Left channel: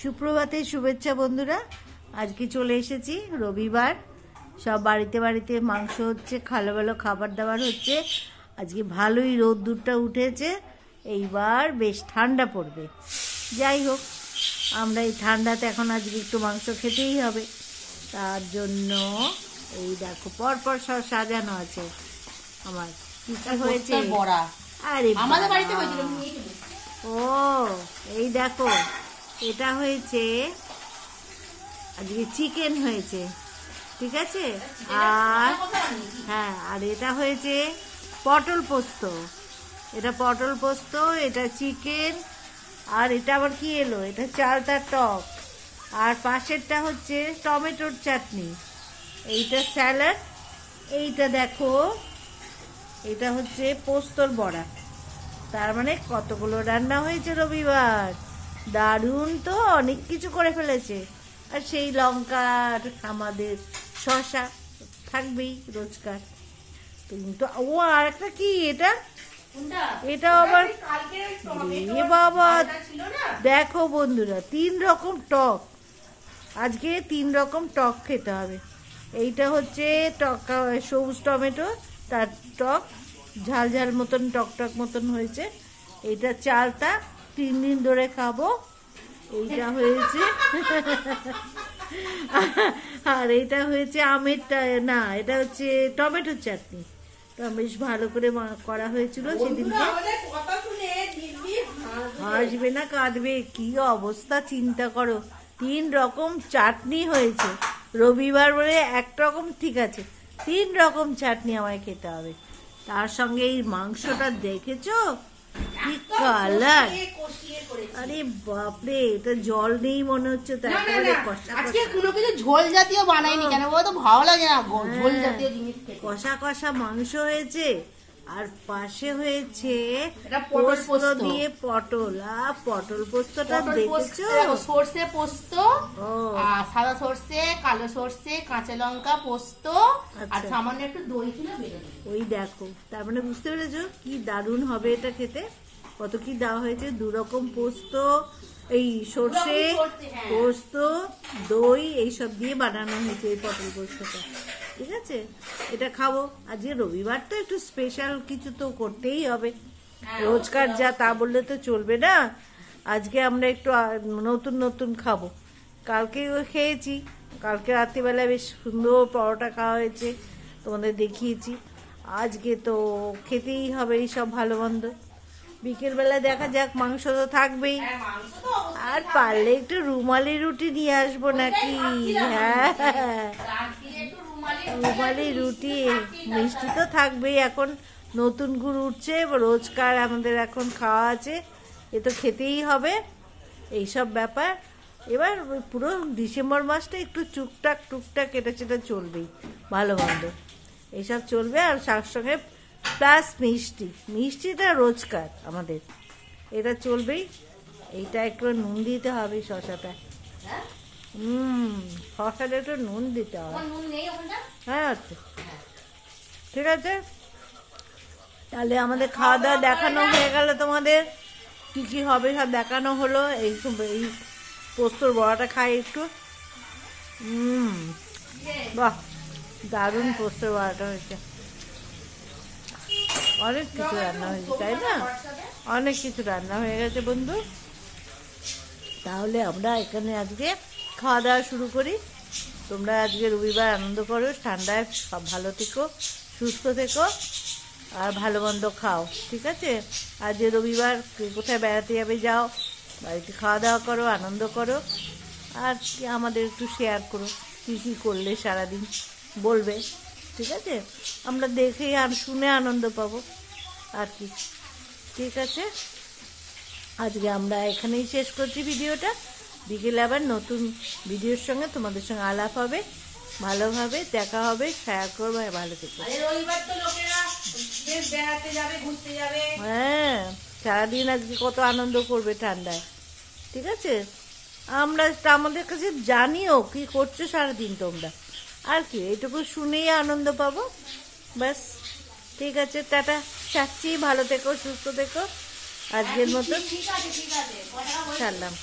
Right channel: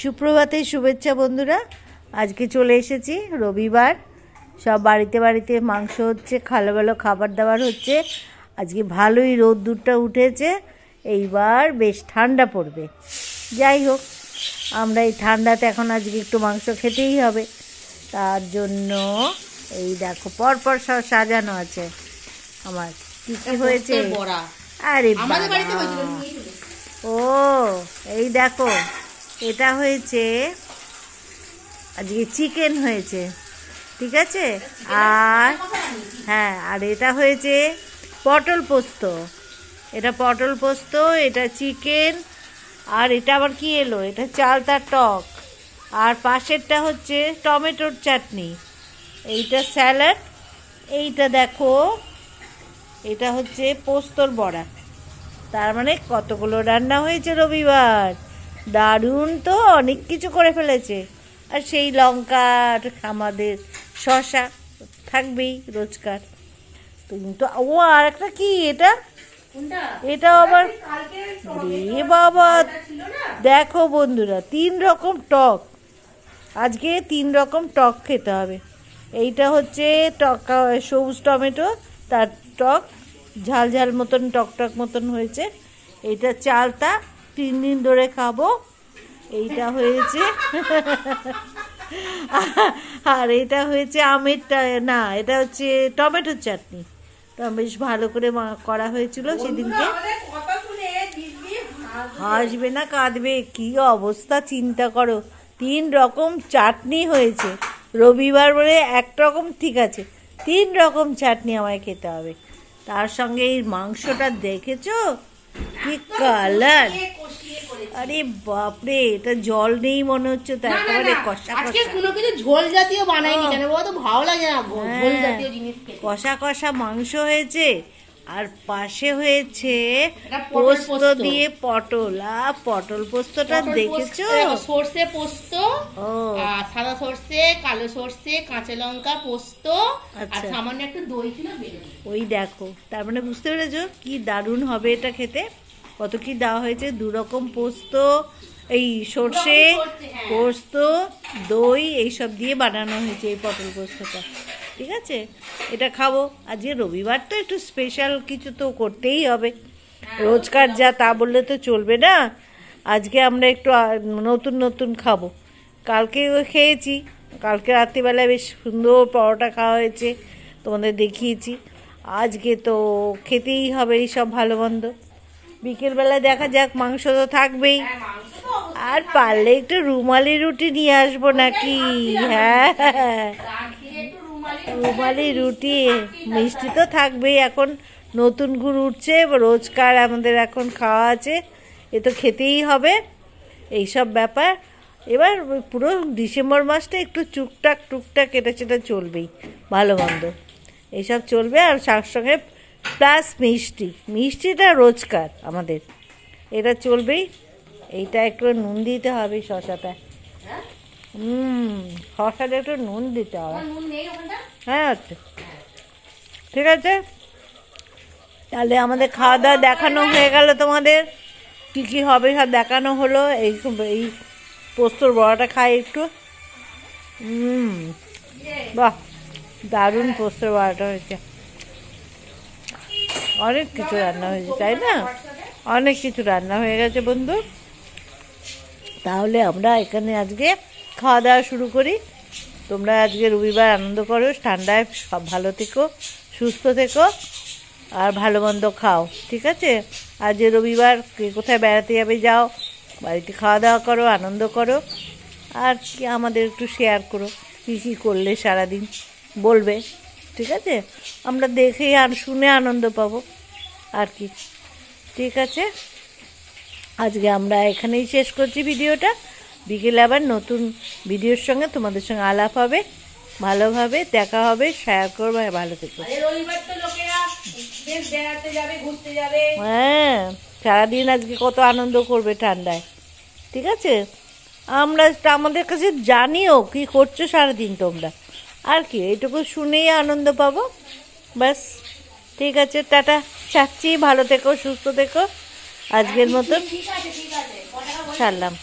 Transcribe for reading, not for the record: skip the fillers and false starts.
সুপ্রভাতে শুভেচ্ছা বন্ধুরা। আজকে চলে এসেছি রবিবার, সব বাড়িতে বাড়িতে মাংস হচ্ছে, ভালো ভালো খাবার দাবার হচ্ছে। আজকে ভালোই রোদ্দুরটা উঠেছে, এইবার বেশ ঠান্ডা পড়বে। যাই হোক, আমরা এই ঠান্ডাতে এখন আজকে একটু মাংস খেতেই হবে। তার জন্য এই দেখো পরপর সব সাজানো আছে। আমার কি কি হয়েছে, আরে ও এই দেখো, এটা হয়েছে আজকে চিকেন হয়েছে, ঠিক আছে। আর হ্যাঁ, আর এটা হয়েছে পটল পোস্ত। এটা পটল পোস্ত, এটা চিকেন, আর এটা আবার কি এলো, এটা চালতার টক, আর পাশেরটা হচ্ছে টমেটোর চাটনি, এইটা স্যালাড, এইটা দেখো এটা হচ্ছে পোস্তর বড়া। তার মানে কতগুলো রান্না হয়েছে রবিবার, দারুণ তো, অনেক কিছু করে ফেলেছে। আর সেই লঙ্কা, আমাদের শসা থাকবেই রোজকার। কিন্তু ও আর একটা কি, এটা আবার এ বাবা, দেখো বন্ধুরা, 3 রকম টক। আজকে 3 রকম টক খেতে হবে। এইটা হচ্ছে টক, সবুজ টমেটো, তার টক, ঝাল ঝাল মতন, টক টক মতন হয়েছে। এইটা চালতা, 3 দিন ধরে খাবো। এইটা হয়েছে আর এটা হয়েছে আমেরটা, না এটা হচ্ছে টমেটোর চাটনি। বেশ ভালো করে করা হয়েছিল সেদিনকে। হাসবে না কাঁদবে, কি অবস্থা চিন্তা করো। 3 রকম চাটনি হয়েছে রবিবার বলে, এক রকম ঠিক আছে, 3 রকম চাটনি আমায় খেতে হবে। তার সঙ্গে এই মাংসটা দেখেছো কি কালার, আরে বাপরে, এটা জল নেই মনে হচ্ছে, তারপরে কষা কিছু ঝোল জাতীয় বানাইনি কেন বলতো, ভালো লাগে না ঝোল জাতীয় জিনিস। কষা কষা মাংস হয়েছে, আর পাশে হয়েছে পোস্ত দিয়ে পটল। আর পটল পোস্তটা দেখেছো, সর্ষে পোস্ত, সাদা সর্ষে, কালো সর্ষে, কাঁচা লঙ্কা পোস্ত, আর সামান্য একটু দই ছিল। ওই দেখো, তার মানে বুঝতে পেরেছো কি দারুণ হবে এটা খেতে। কত কি দেওয়া হয়েছে, 2 রকম পোস্ত, এই সর্ষে পোস্ত, দই, এইসব দিয়ে বানানো হয়েছে এই পটল পোস্তটা, ঠিক আছে। এটা খাবো আজকে রবিবার, তো একটু স্পেশাল কিছু তো করতেই হবে। রোজকার যা তা বললে তো চলবে না। আজকে আমরা একটু নতুন নতুন খাবো। কালকে খেয়েছি, কালকে রাত্রিবেলায় বেশ সুন্দর পরোটা খাওয়া হয়েছে, তোমাদের দেখিয়েছি। আজকে তো খেতেই হবে এই সব ভালো মন্দ। বিকেলবেলা দেখা যাক, মাংস তো থাকবেই, আর পারলে একটু রুমালি রুটি নিয়ে আসবো নাকি। হ্যাঁ, রুমালি রুটি, মিষ্টি তো থাকবেই। এখন নতুন গুড় উঠছে, রোজকার আমাদের এখন খাওয়া আছে, এ তো খেতেই হবে এইসব ব্যাপার। এবার পুরো ডিসেম্বর মাসটা একটু টুকটাক এটা সেটা চলবেই, ভালো মন্দ এইসব চলবে। আর তার সঙ্গে প্লাস মিষ্টিটা রোজকার আমাদের, এটা চলবেই। এইটা একটু নুন দিতে হবে, শসাটা, শসাটা একটু নুন দিতে হবে। হ্যাঁ ঠিক আছে, তাহলে আমাদের খাওয়া দাওয়া দেখানো হয়ে গেল, তোমাদের কি কি হবে সব দেখানো হলো। এই পোস্তর বড়াটা খাই একটু, বাহ দারুণ পোস্তর বড়াটা হয়েছে। অনেক কিছু রান্না হয়েছে, তাই না, অনেক কিছু রান্না হয়ে গেছে বন্ধু। তাহলে আমরা এখানে আজকে খাওয়া দাওয়া শুরু করি। তোমরা আজকে রবিবার আনন্দ করো, ঠান্ডায় সব ভালো থেকো, সুস্থ থেকো, আর ভালো মন্দ খাও, ঠিক আছে। আর যে রবিবার কে কোথায় বেড়াতে যাবে যাও, বাড়িতে খাওয়া দাওয়া করো, আনন্দ করো, আর কি আমাদের একটু শেয়ার করো কী কী করলে সারাদিন, বলবে, ঠিক আছে। আমরা দেখে আর শুনে আনন্দ পাবো আর কি, ঠিক আছে। আজকে আমরা এখানেই শেষ করছি ভিডিওটা। বিকেলে আবার নতুন ভিডিওর সঙ্গে তোমাদের সঙ্গে আলাপ হবে, ভালোভাবে দেখা হবে, শেয়ার করবো। ভালো থেকো। হ্যাঁ, সারাদিন আজকে কত আনন্দ করবে ঠান্ডায়, ঠিক আছে। আমরা আমাদের কাছে জানিও কি করছো সারাদিন তোমরা, আর কি এইটুকু শুনেই আনন্দ পাবো, ব্যাস, ঠিক আছে। টাটা, ছাড়ছি, ভালো থেকো, সুস্থ থেকো, আজকের মতন ছাড়লাম।